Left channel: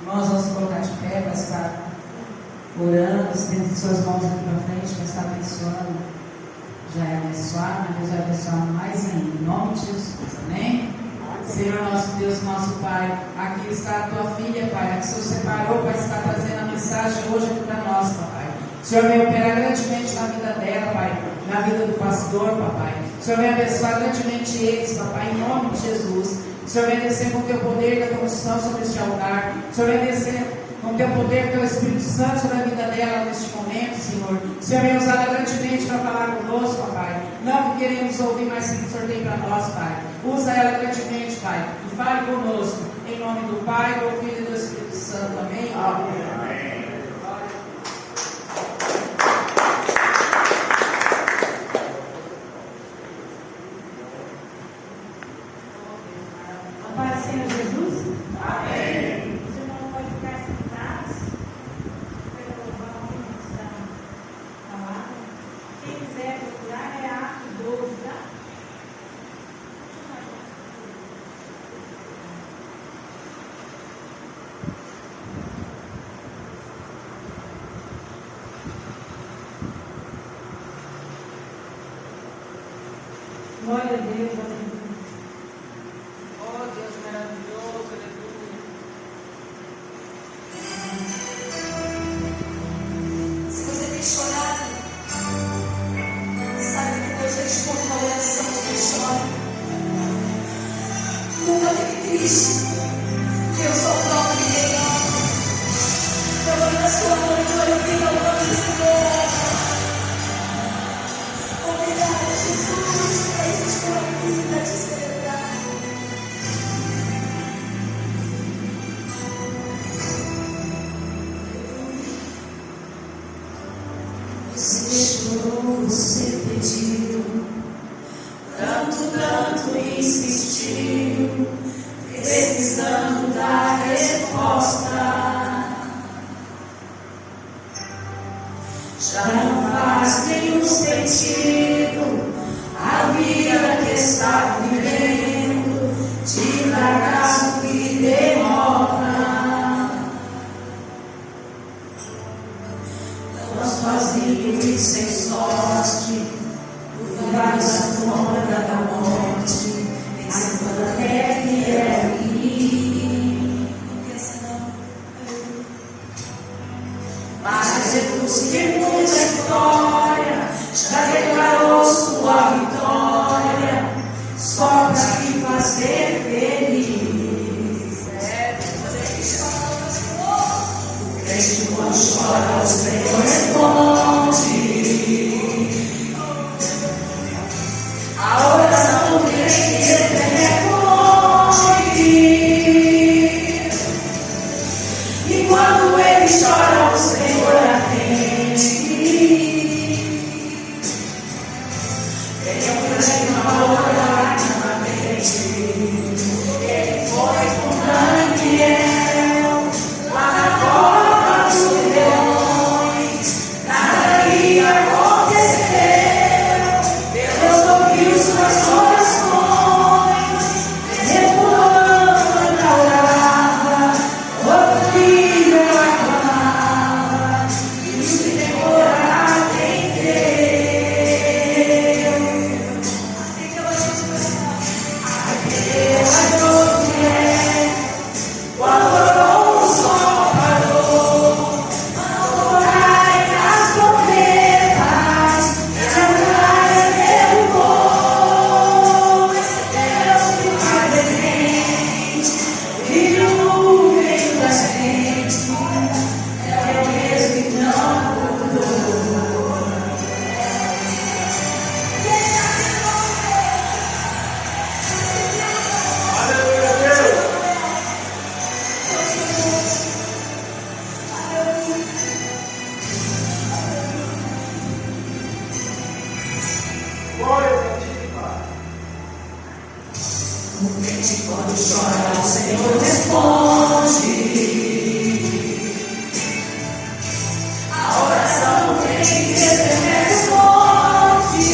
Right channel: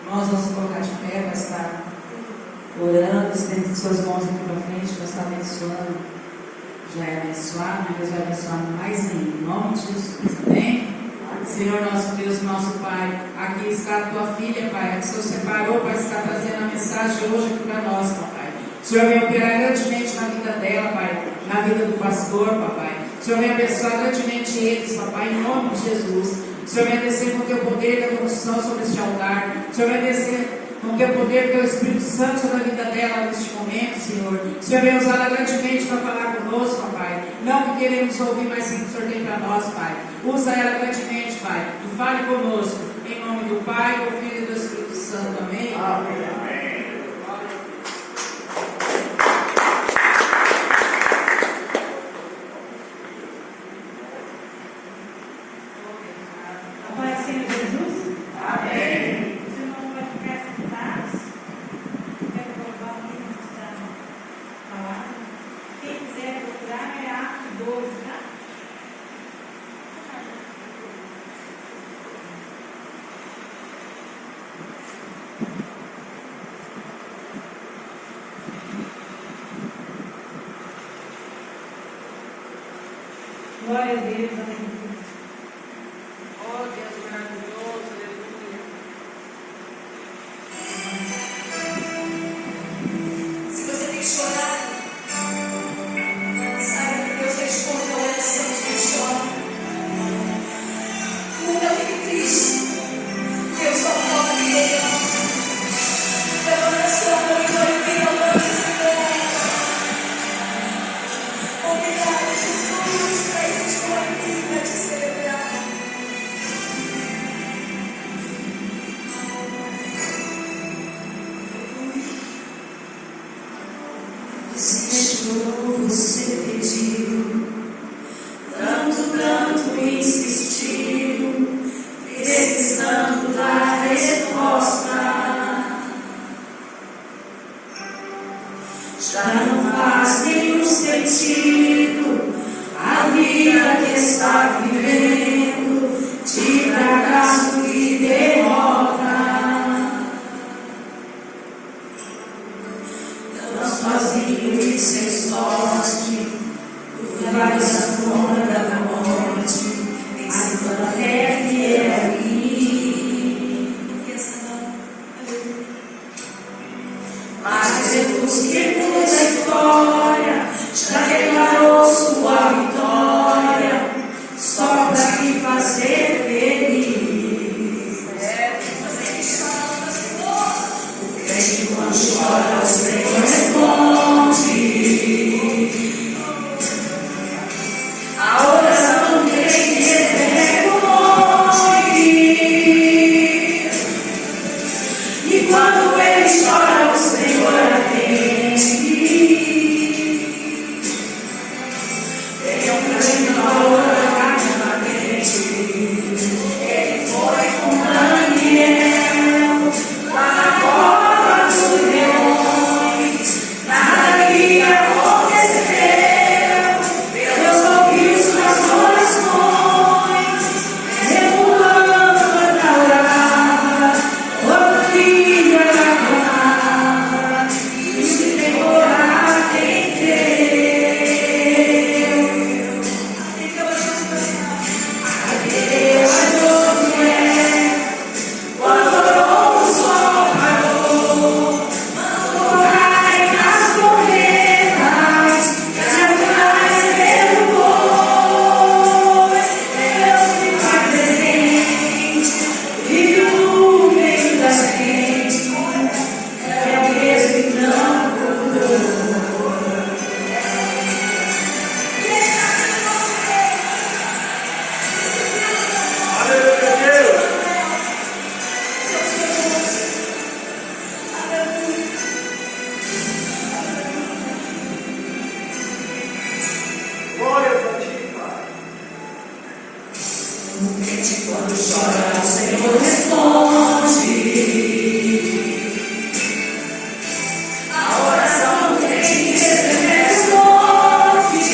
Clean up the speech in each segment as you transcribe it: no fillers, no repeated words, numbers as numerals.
Irmãos, vamos colocar de pé para estar orando, estendendo suas mãos aqui para frente, para estar abençoando. Já é abençoado, mas Deus vai abençoar mais ainda. Em nome de Jesus, amém? Senhor nosso Deus, nosso Pai, aqui está a tua filha, Pai, que o Senhor separou para estar trazendo a mensagem hoje aqui para nós, Papai. O Senhor vem operar grandemente na vida dela, Pai, na vida do pastor, Papai. O Senhor vem abençoar grandemente eles, Papai, em nome de Jesus. O Senhor vem descer com o teu poder da unção sobre este altar. O Senhor vem descer com o teu poder do teu Espírito Santo sobre a vida dela neste momento, Senhor. O Senhor vem usá-la grandemente para falar conosco, Papai. Não que queremos ouvir, mas sim que o Senhor tem para nós, Pai. Usa ela grandemente, Pai, e fale conosco. Em nome do Pai, do Filho e do Espírito Santo. Amém? Amém. Glória a Deus, aleluia. Oh, Deus maravilhoso, aleluia. Se você tem chorado, saiba que Deus responde a oração de quem chora. Nunca fique triste. Deus só prova que Ele ama. Levanta a sua mão e glorifica o nome do Senhor. Obrigado, Jesus, por estar aqui para te celebrar. Você chorou, você pediu, tanto insistiu, precisando da resposta. Já não faz nenhum sentido a vida que está vivendo, de fracasso e derrota. Não sozinho e sem sorte, no vale da sombra da morte, vencendo a fé que é ruim. Mas Jesus que muda a história, já declarou sua vitória, só para te fazer feliz. O crente quando chora, o Senhor responde. A oração do crente responde. E quando ele chora, o Senhor atende. Tem um grande valor na frente. Ele foi com Daniel lá na cova dos leões. Nada lhe aconteceu. Deus ouviu suas orações. Segundo a lâmpada orava, outro filho ela clamava. E se demorar em Deus. Quando orou, o sol parou. Mandou cair as tormentas, e as muralhas derrubou. Deus me faz presente, vive no meio da gente. É o mesmo que não mudou. Glória a ti, Pai. O crente quando chora, o Senhor responde. A oração do crente responde.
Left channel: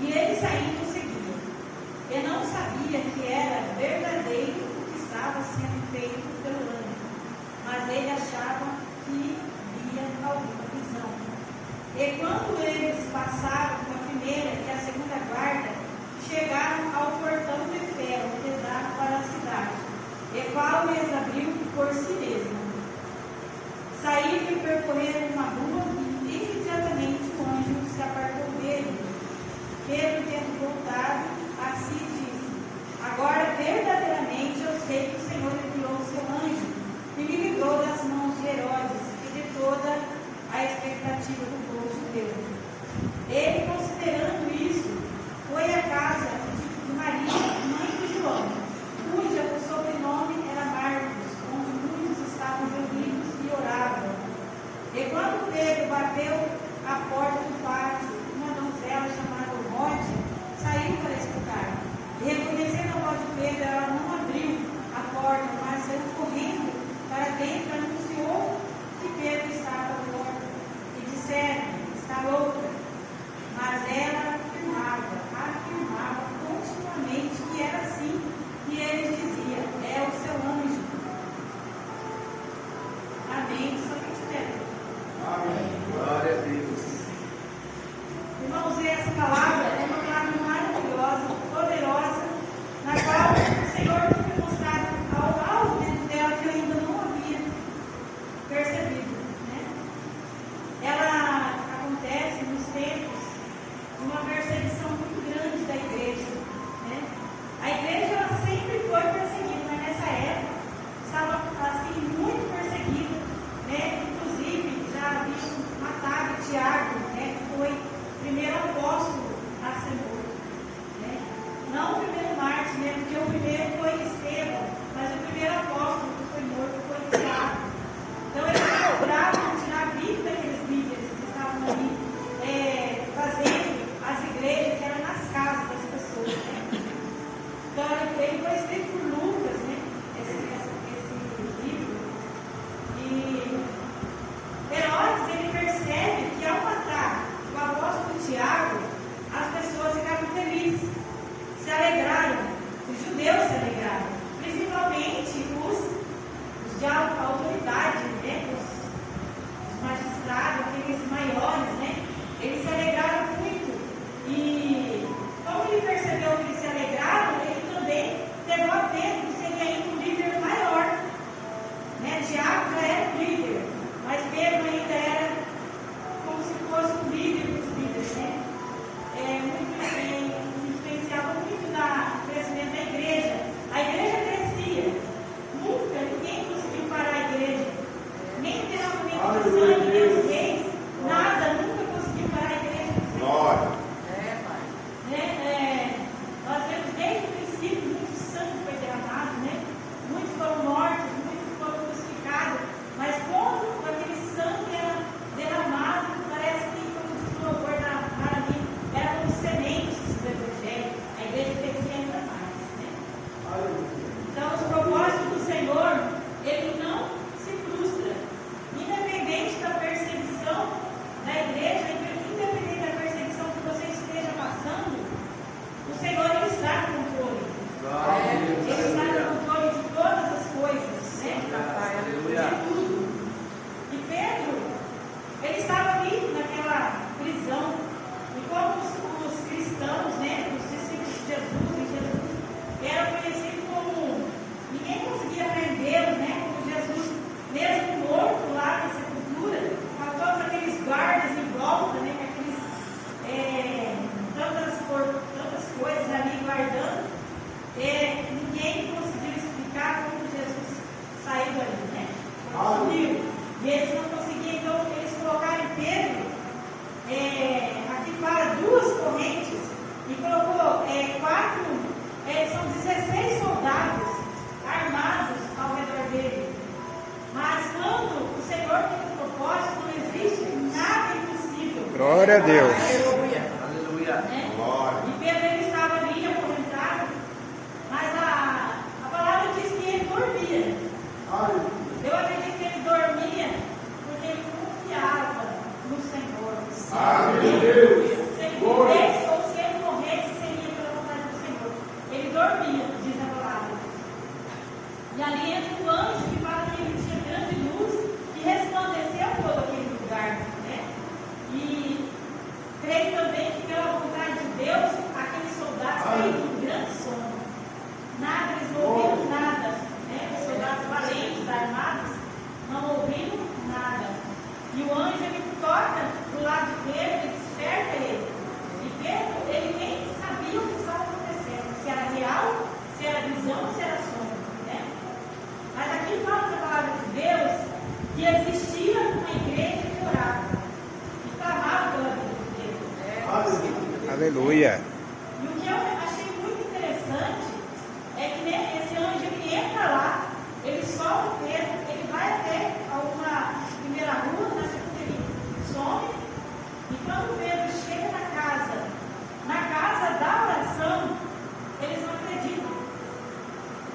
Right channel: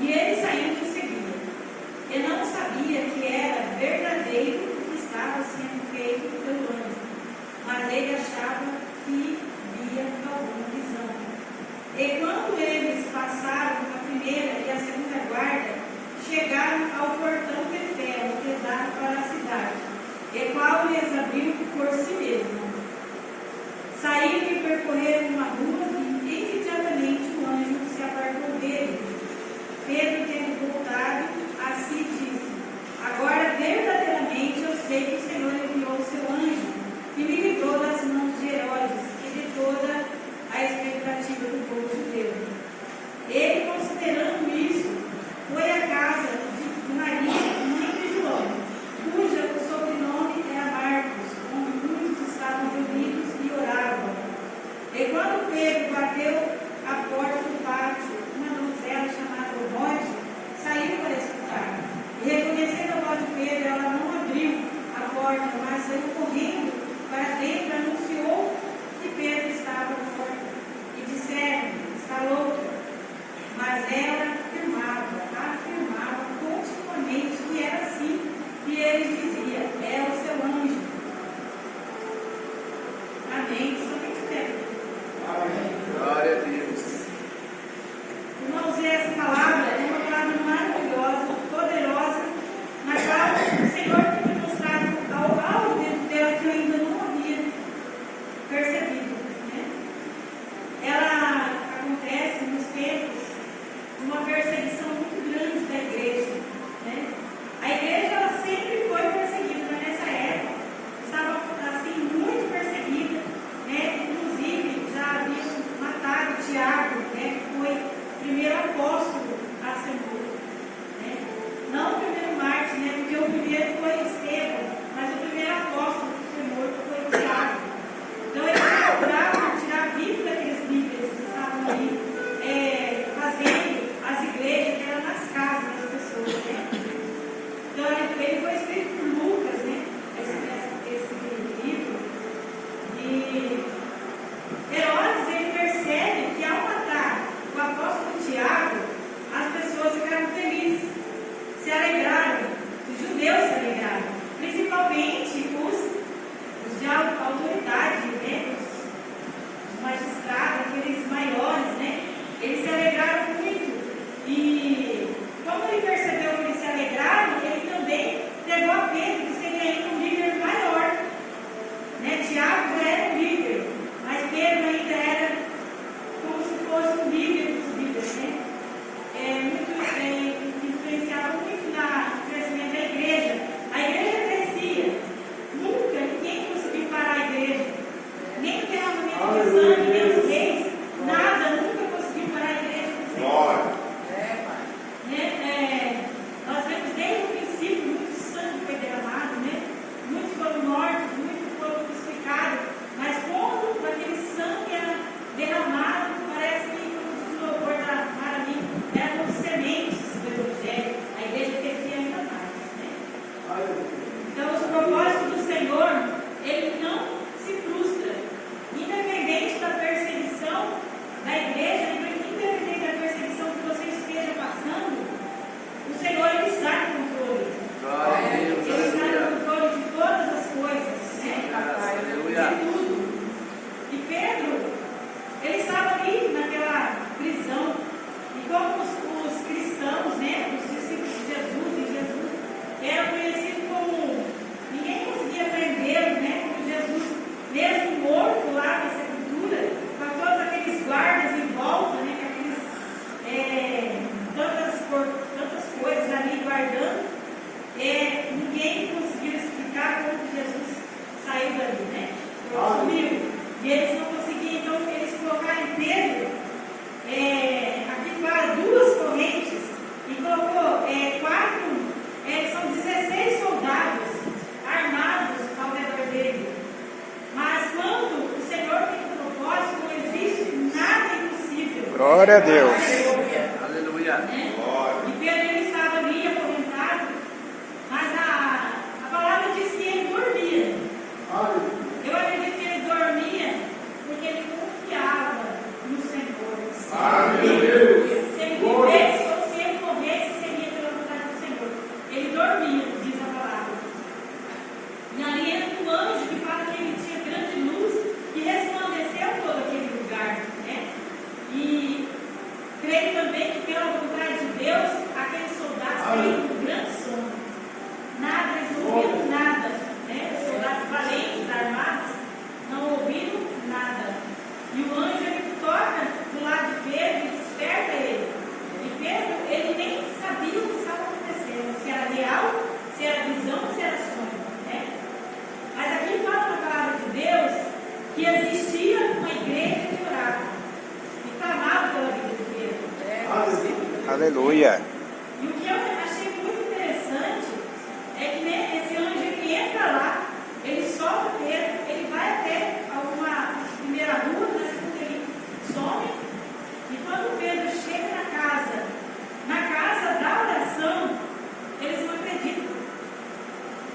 E ele saindo em seguida. E não sabia que era verdadeiro o que estava sendo feito pelo anjo, mas ele achava que via alguma visão. E quando eles passaram a primeira e a segunda guarda, chegaram ao portão de ferro que dá para a cidade, e qual lhes abriu por si mesmo. Saíram e percorreram uma rua e imediatamente o anjo se apartou dele. Pedro, tendo voltado a si, disse: agora verdadeiramente eu sei que o Senhor enviou o seu anjo e me livrou das mãos de Herodes e de toda a expectativa do povo judeu. Ele, considerando isso, foi à casa de Maria, mãe de João, cuja o sobrenome era Marcos, onde muitos estavam reunidos e oravam. E quando Pedro bateu a porta do pátio, uma donzela chamada Rode saiu para escutar. E reconhecendo a voz de Pedro, ela não abriu a porta, mas saiu correndo para dentro e anunciou que Pedro estava à porta. E disseram: está louca. Mas ela afirmava continuamente que era assim, e ele dizia: é o seu anjo. Amém. Somente Pedro. Amém. Glória a Deus. Irmãos, essa palavra é uma palavra maravilhosa, poderosa, na qual o Senhor tem me mostrado algo dentro dela que eu ainda não havia percebido. Né? Ela acontece nos tempos de uma perseguição muito grande da igreja. Né? A igreja ela sempre foi perseguida, mas nessa época estava assim, muito perseguida. Né? Inclusive, já haviam matado Tiago, né? Que foi o primeiro apóstolo a ser morto. Né? Não o primeiro mártir, né? Porque o primeiro foi Estevão, mas o primeiro apóstolo que foi morto foi Tiago. Então, eles procuravam tirar a vida daqueles líderes que estavam ali fazendo as igrejas que eram nas casas das pessoas. Né? Então, ele foi escrito por Lucas, né? Esse livro. E Herodes, ele percebe que ao matar o apóstolo Tiago, as pessoas ficaram felizes, se alegraram, os judeus se alegraram, principalmente os de autoridade, né? Os magistrados, aqueles maiores, né? Eles se alegraram muito. E como ele percebeu que eles se alegraram, ele também pegou a Pedro, que seria ainda um líder maior. Né? Tiago já era um líder, mas Pedro ainda era como se fosse um líder dos líderes. Né? Influenciava muito no crescimento da igreja. A igreja crescia. Nunca ninguém conseguiu parar a igreja. Nem o derramamento de sangue, nem os reis. Nada, nunca conseguiu parar a igreja. Glória. Nós vemos desde o princípio muito sangue foi derramado, né? Muitos foram mortos, muitos foram crucificados, mas quando aquele sangue era derramado, parece que, como diz o louvor para mim, era como sementes do Evangelho. A igreja crescia ainda mais. Né? Então, os propósitos do Senhor, ele não se frustra, independente da perseguição da igreja, independente da perseguição que você esteja passando, o Senhor ele está no controle. Glória a Deus. Ele está no controle de todas as coisas, né? Aleluia. De tudo. E Pedro, ele estava ali naquela prisão. E como os cristãos, né, os discípulos de Jesus, em Jesus, eram conhecidos como ninguém conseguia prendê-lo, né? Como Jesus, mesmo morto lá na sepultura, com todos aqueles guardas em volta, né? Com tantas coisas ali guardando, ninguém conseguiu explicar como Jesus saiu dali, né? Sumiu. E eles não conseguiam, então eles colocaram em Pedro aqui para duas correntes e colocou são 16 soldados armados ao redor dele. Mas quando o Senhor tem um propósito, não existe nada impossível. Glória a Deus. Aleluia. Né? Glória. E Pedro ele estava ali acorrentado, mas a palavra diz que ele dormia. Eu acredito que ele dormia porque ele confiava no Senhor. Aleluia. Se ele vivesse ou se ele morresse, também que, pela vontade de Deus, aqueles soldados têm um grande sono. Nada, eles não ouviram nada. Né? Os soldados valentes, armados, não ouviram nada. E o anjo ele toca do lado de Pedro e desperta ele. E Pedro, ele nem sabia o que estava acontecendo, se era real, se era visão, se era sonho. Né? Mas aqui fala na palavra de Deus que existia uma igreja que orava e clamava pela vida de Pedro. Aleluia. E o que eu achei muito interessante é que né, esse anjo ele entra lá, ele solta Pedro, ele vai até alguma primeira rua, na segunda ele some, e quando Pedro chega na casa da oração, eles não acreditam.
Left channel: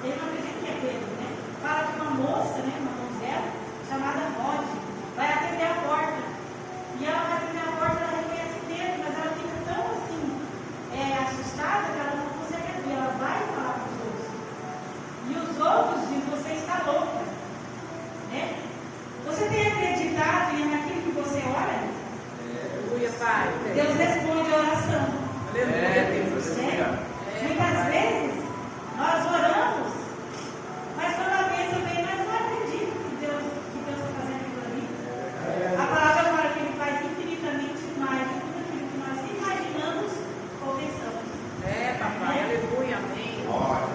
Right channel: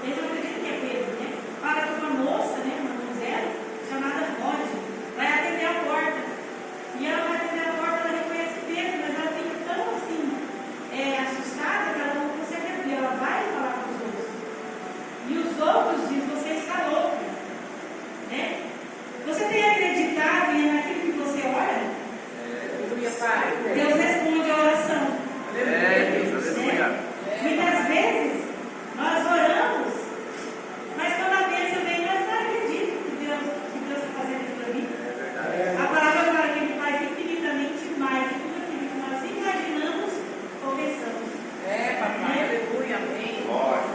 Eles não acreditam que é Pedro, né? Fala que uma moça, né, uma mulher, chamada Rode, vai atender a porta. E ela vai atender a porta, ela reconhece Pedro, mas ela fica tão assim, assustada que ela não consegue abrir, ela vai falar com os outros. E os outros dizem, você está louca. Né? Você tem acreditado naquilo que você ora? Deus responde a oração. Aleluia. Muitas vezes nós oramos, mas quando a bênção vem, nós não acreditamos que Deus está fazendo aquilo ali. A palavra fala que Ele faz infinitamente mais de tudo aquilo que nós imaginamos ou pensamos. Papai, aleluia, amém.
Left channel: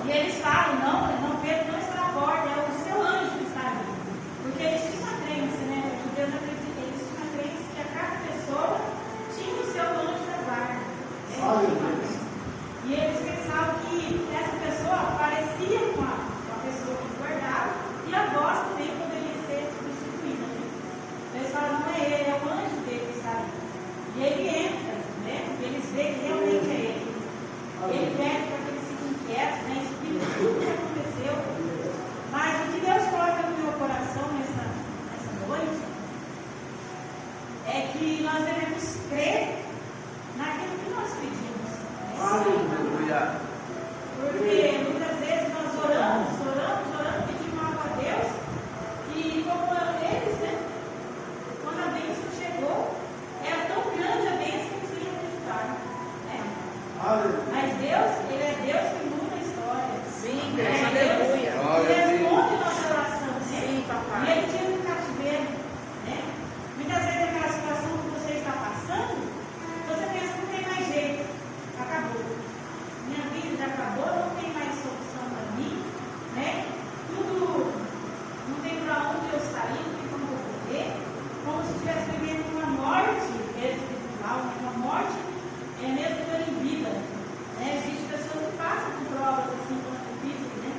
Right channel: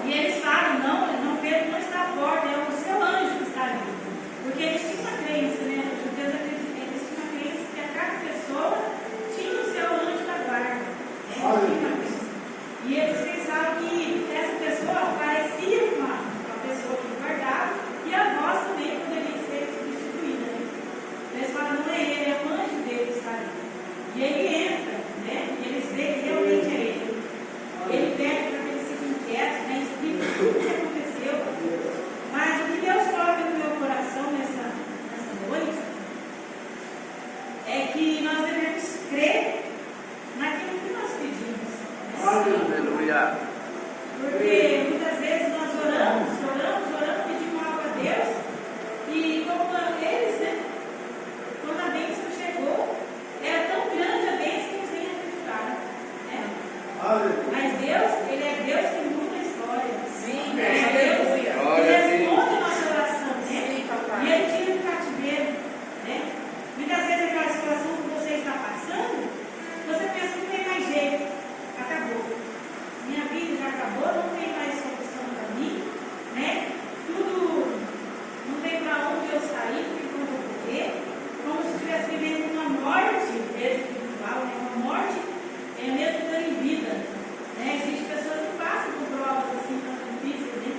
E eles falam, não, Pedro não está à porta, é o seu anjo que está ali. Porque eles tinham uma crença, né? Os judeus acreditam, eles tinham uma crença que a cada pessoa tinha o seu anjo da guarda. Né? E eles pensavam que essa pessoa parecia com a pessoa que guardava e a voz também poderia ser substituída. Né? Eles falavam, não é ele, é o anjo dele que está ali. E ele entra, né? E eles veem que realmente é ele. Ele pede para que eles fiquem quietos, né? Explica tudo o que aconteceu. Mas o que Deus coloca no meu coração nessa noite é que nós devemos crer naquilo que nós pedimos. Né? Aleluia. Porque muitas vezes nós oramos, pedimos algo a Deus e como eles, né? Quando a bênção chegou, era tão grande a bênção que eles nem acreditaram. Né? Mas Deus, Ele é Deus que muda a história. Sim, Ele é aleluia. Deus que responde a nossa oração. Né? Sim, papai. E Ele tira do cativeiro. Né? Muitas vezes aquela situação que você está passando, você pensa que não tem mais jeito. Acabou. Minha vida já acabou, não tem mais solução para mim. Né? Tudo, não tem para onde eu sair, não tem para onde eu correr. Como se estivesse vivendo uma morte espiritual, né? Uma morte mesmo por em vida. Né? Existem pessoas que passam por provas assim tão difíceis, né?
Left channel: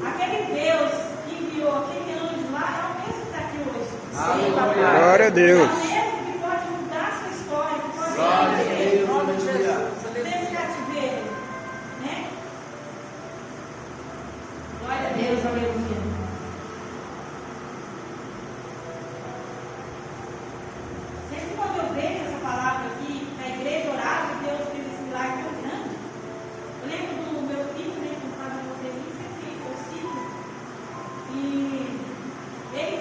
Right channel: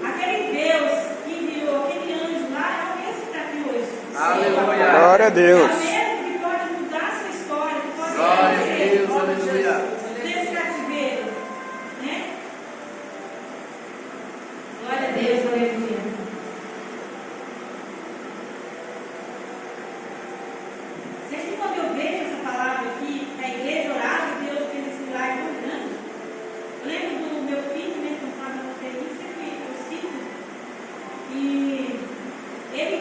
Mas aquele Deus que enviou aquele anjo lá é o mesmo que está aqui hoje. Aleluia. Glória a Deus. É o mesmo que pode mudar a sua história, que pode Glória a fazer Deus, aleluia. desse cativeiro. Né? Glória a Deus, aleluia. Sempre quando eu vejo essa palavra aqui, na igreja orava, Deus fez esse milagre tão grande. Eu lembro do meu filho, né, que estava no UTI, sempre eu cito, e ele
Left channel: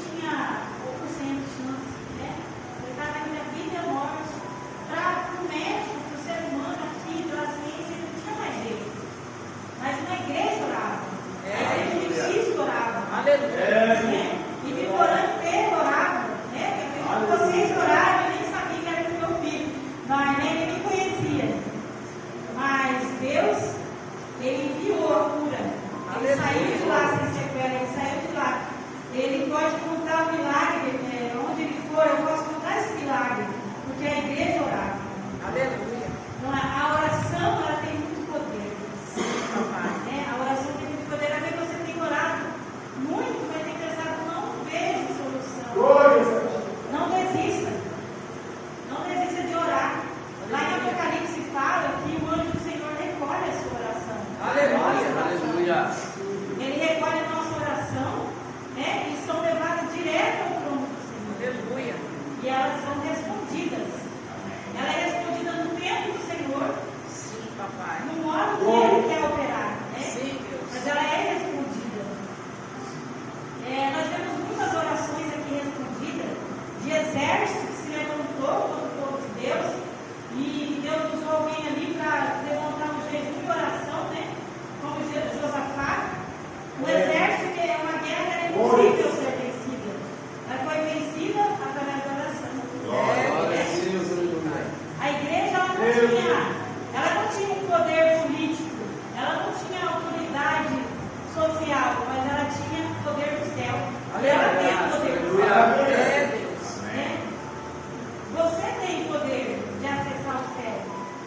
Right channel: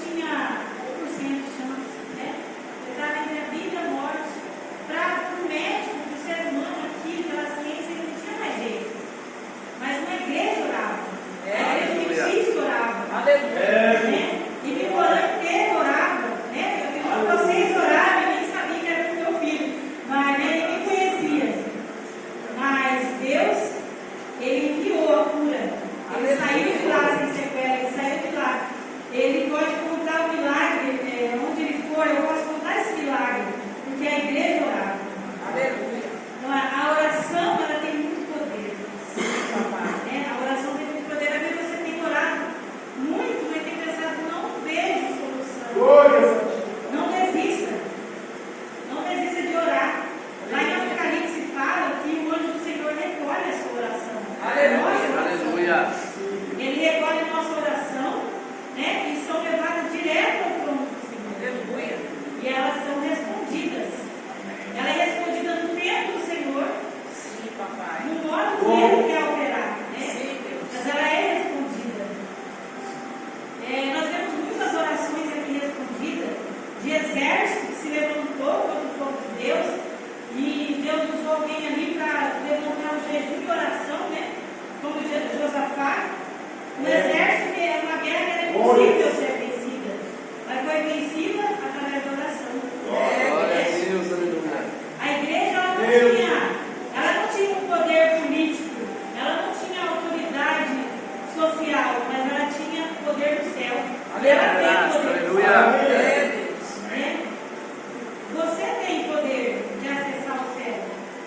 tinha 1% de chance, né, não tinha um poder político, ela não tinha autoridade social, mas ela tinha o poder do céu. Ela tem poder do céu. Né? Você tem poder de acessar o céu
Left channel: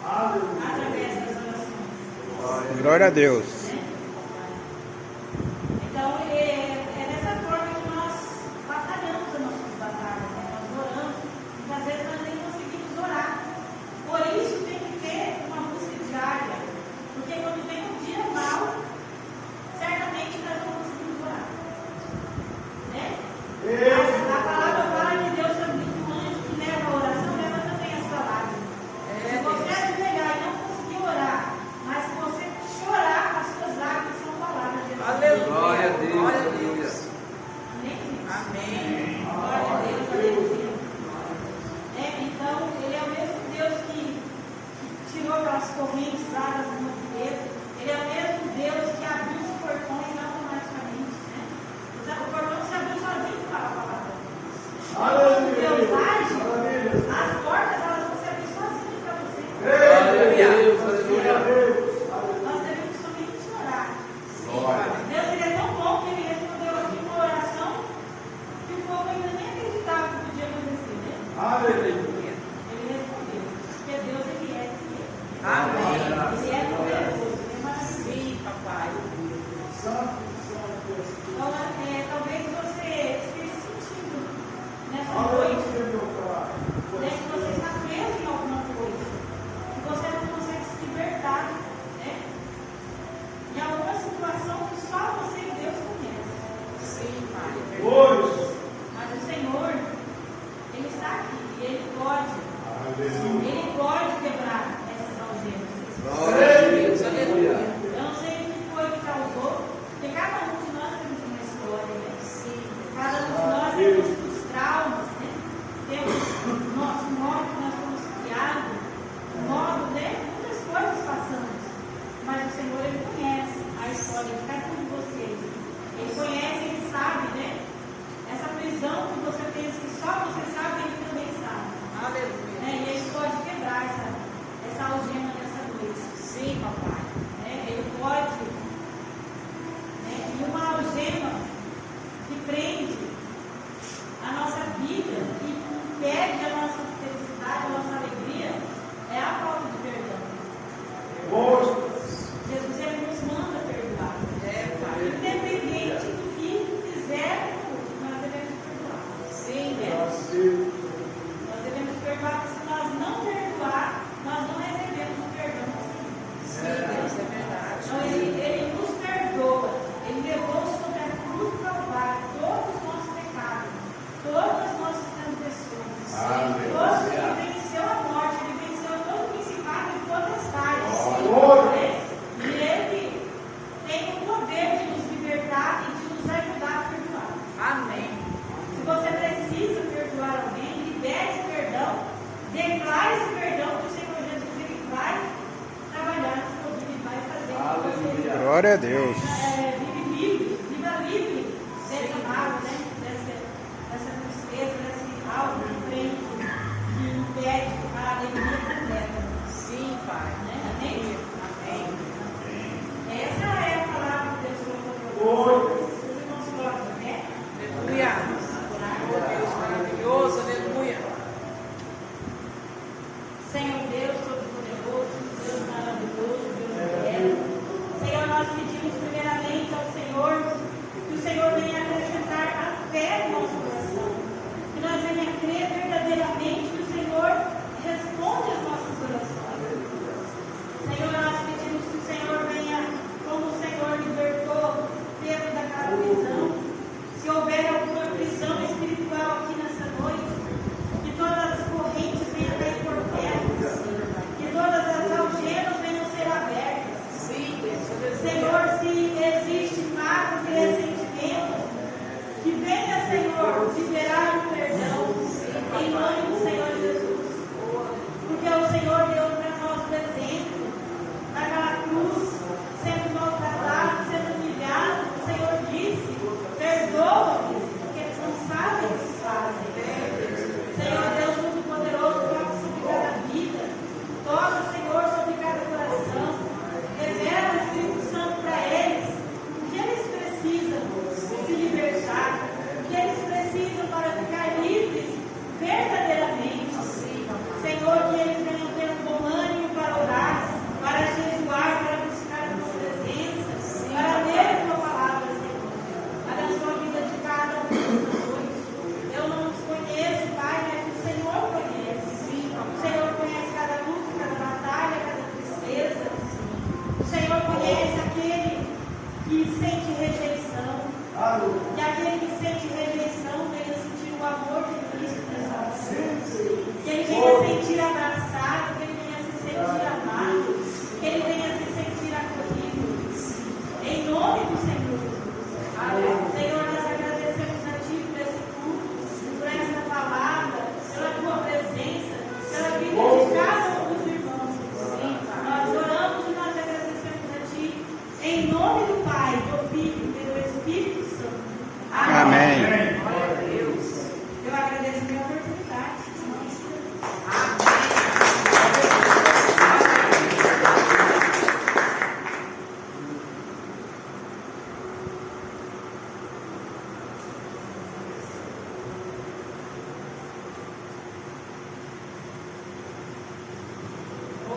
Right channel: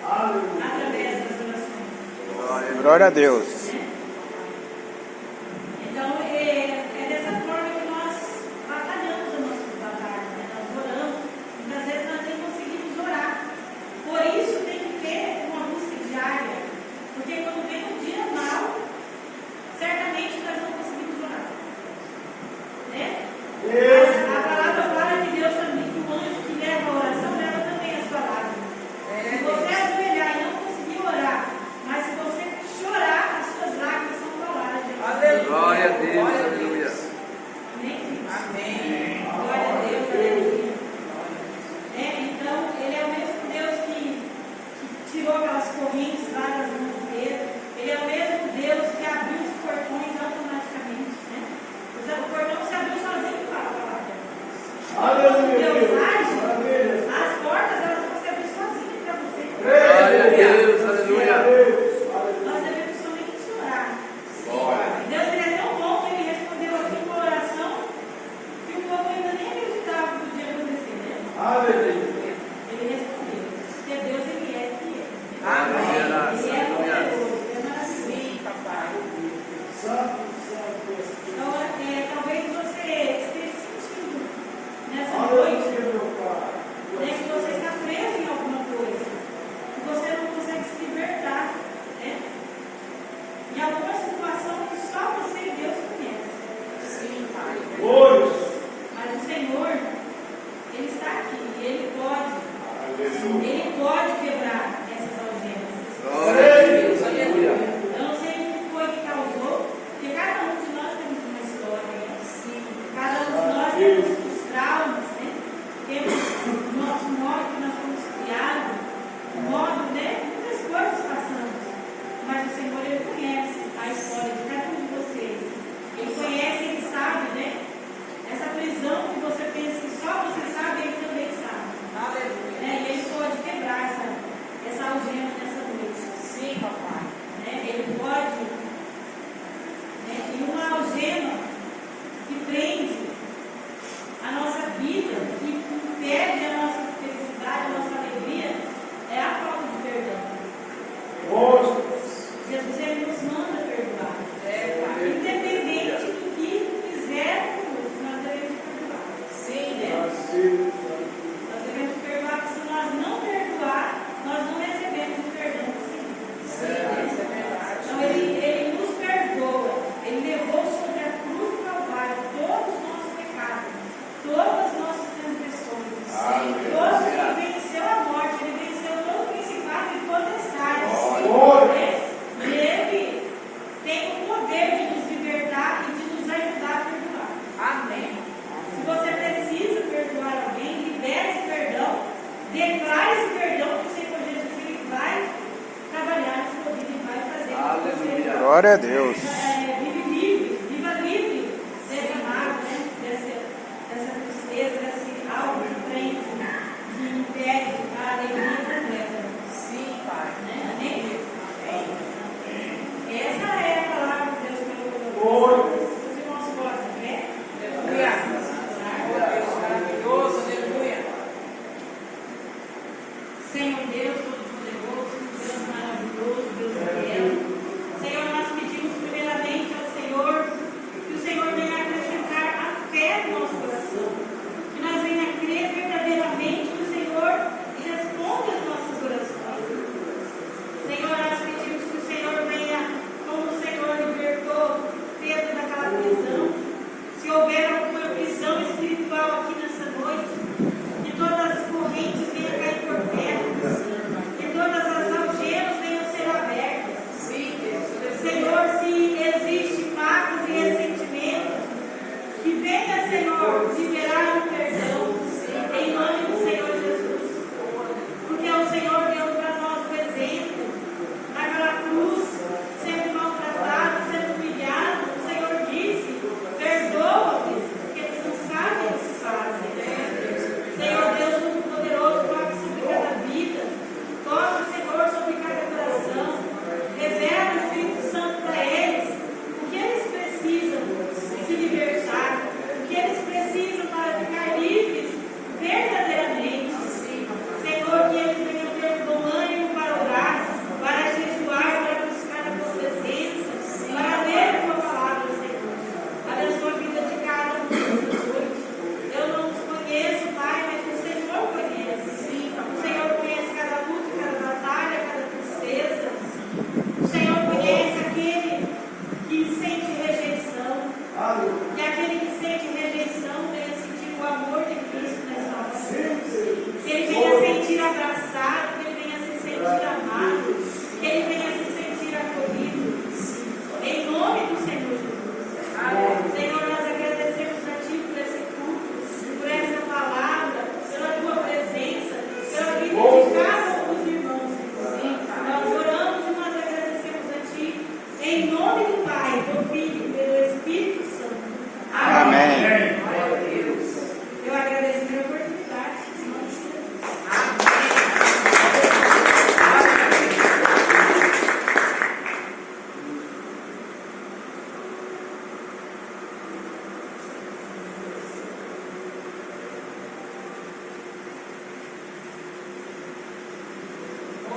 através das orações. Glória a Deus. Então, é dessa forma que nós batalhamos os nossos batalhas, né? Nós oramos, muitas vezes nós nem conseguimos orar. Por isso tem que ter uma busca diária, porque quando vem um dia mal, certamente nós não conseguimos orar. Né? A palavra fala que Deus também, que o anjo que leva a oração, leva também as palavras. Se você ajoelhar e não conseguir orar, mas se você chorar, as suas lágrimas são palavras de Deus. Glória a Deus, aleluia. Amém? Glória a Deus, aleluia. Então, Ele é o mesmo Deus que tirou aquelas correntes lá das mãos dele. Ele é o mesmo Deus que abriu os portões automaticamente. Né? O portão se abriu sozinho para a palavra. Quando Deus age, as portas elas vão se abrir sozinhas para você. Glória a Deus, aleluia. Nós devemos somente orar. Deus ele é tão bom que ele respondeu aqui uma oração que o povo ainda nem acreditava que podia acontecer, né? Ele respondeu. Porque Deus ele é que é. Amém. Ele é poderoso, é maravilhoso. Sim, papai. Então, talvez você esteja sentindo nessa noite, né, que você está preso em alguma coisa, que você não consegue se libertar, né? Em alguma situação que só você e Deus conhece. Sim, pai. Mas o Senhor, Ele está aqui e Ele pode quebrar essas algemas. Glória a Deus, aleluia. Eu não sei o que foi que causou, porque cada um de nós temos uma história, né? Cada um de nós temos os traumas, né? Temos o nosso modo que nós fomos criados, o modo, né? Muitas coisas passamos. Mas o Senhor, Ele conhece a história de cada um de vocês. Ele conhece, Ele sabe, né? Essa prisão que você pensa que só você sabe, Ele também sabe. Aleluia. Né? E Ele pode quebrar essa algema nessa noite. Sim, papai. Né? Ele pode, né? E uma algema que prende a nossa vida, que impede a nossa felicidade, a nossa alegria, é a falta de perdão. Jesus ele nos manda perdoar. Pai. Independente do que fizermos, nós devemos perdoar. Sim, Né? Deus. Nós devemos perdoar, porque se nós não perdoar, nós não recebemos o perdão do Senhor. Sim, Deus, é verdade. Então ele nos perdoa, ele levou sobre a cruz do Calvário todos os nossos pecados, todas as nossas transgressões. Ele venceu a morte, ele venceu todo o principado e potestade. E ele tem o poder de nos libertar e de nos ajudar a perdoar. Amém. Se você precisa perdoar alguém, libere esse perdão, declare esse perdão que o Senhor Jesus ele vai trabalhar na sua vida e vai fazer com que você Glória a Deus. vive livre, viva livre desse mal, né? dessa tristeza, desse algo que vem que impede a alegria completa. Sim, pai. Né? Amém? Amém. Essa é a palavra que Deus colocou. Os irmãos colocam, né? Aleluia. Oh, Deus maravilhoso, aleluia. Senhor Deus, todo-poderoso, Deus maravilhoso, Deus eterno. Senhor, nós pedimos primeiramente ao Senhor que o Senhor venha acrescentar a fé no nosso coração. Que nós venha crer verdadeiramente no Senhor e responda as nossas orações. Senhor, nós pedimos que o Senhor venha, como o Senhor libertou Pedro daquela prisão. Se houver alguma prisão espiritual aqui nessa noite, que todas as correntes venham cair por terra.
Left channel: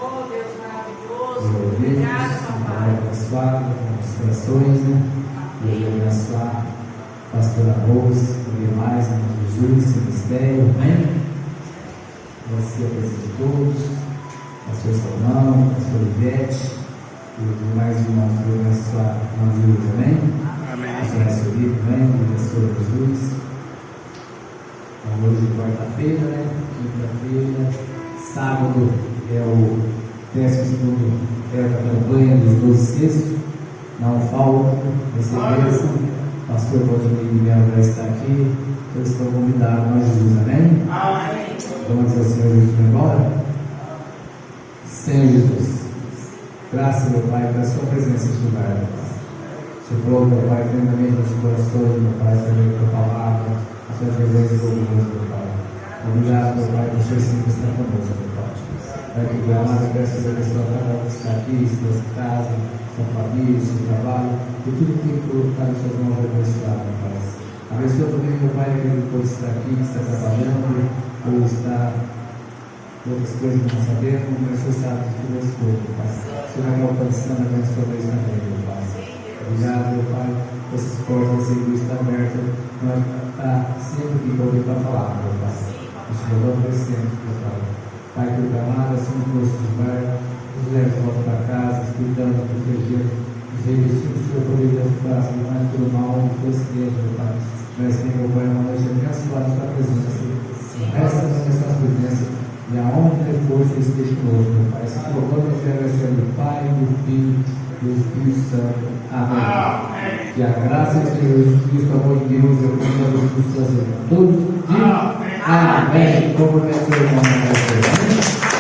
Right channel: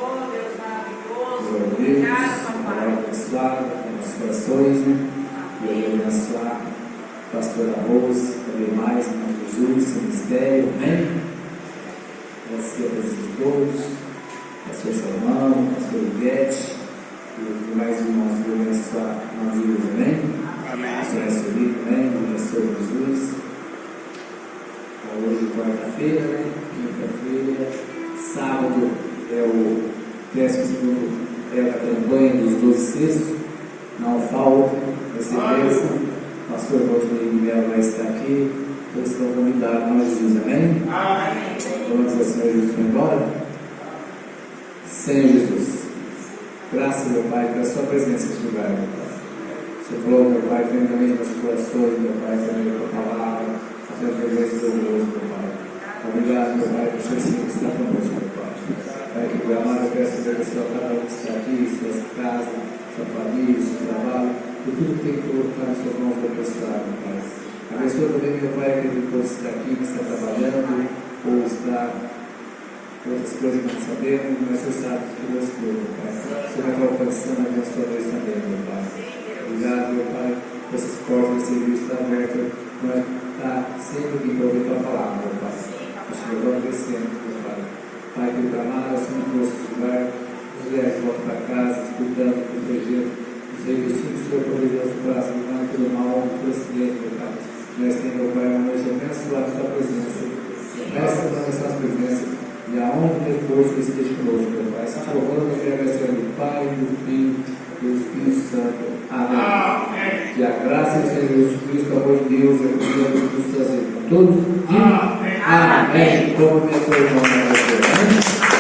Oh, Deus maravilhoso. Glória a Obrigado, Deus. papai. Glória abençoada nos corações, né? E eu vou abençoar a pastora Rose, também mais, em nome de Jesus, seu ministério, amém? Você, a presença de todos, pastor Salomão, pastor Ivete, e os demais irmãos que vão abençoar em nome de Jesus, amém? Amém. Pastor recebido, amém? Do pastor Jesus. Então, hoje é quarta-feira, né? Quinta-feira, sábado é o 12º da campanha dos 12 cestos. Não falta, vai ser bênção. O pastor Valdir Melo vai estar aqui. Todos estão convidados, em nome de Jesus, amém? Amém. Vamos ao Senhor Jesus para embora. Senhor Jesus, graças, meu Pai, pela sua presença neste lugar, meu Pai. O Senhor falou, meu Pai, tremendamente nos corações, meu Pai, também a tua palavra, a tua presença gloriosa, meu Pai. Obrigado, meu Pai, por o Senhor sempre estar conosco, meu Pai. Pai, que Deus amado, eu peço a Deus para cada um que está aqui, sua casa, sua família, seu trabalho, e tudo que tem colocado em suas mãos abençoado, meu Pai. Abençoa também, meu Pai, aquele que pode estar aqui, que está trabalhando, ou está em outras coisas que não sabemos, mas o Senhor sabe de tudo as coisas, meu Pai. O Senhor vai alcançando a abençoa vez também, meu Pai. Obrigado, meu Pai, por essas portas de serviço estar abertas, nós estar sempre aqui para ouvir a tua palavra, meu Pai. Nós te louvamos crescendo, meu Pai. Pai, que o clamado, assim que fosse de lugar, nos leve de volta para casa, estudando, protegendo, nos revestindo do Senhor poderoso braço, livrando todo mal, de todo acidente, meu Pai. Nós temos, meu Pai, uma noite abençoada em sua presença, o resto da noite sua presença, e aonde depois que esteja conosco, meu Pai. Se te louvando, eu quero agradecer do Pai, do Filho e do Espírito Santo. Amém. Que a graça do Senhor Jesus Cristo, o amor de Deus, e a comunhão do Espírito trazer para todos. Amém. Como meu irmão, amém.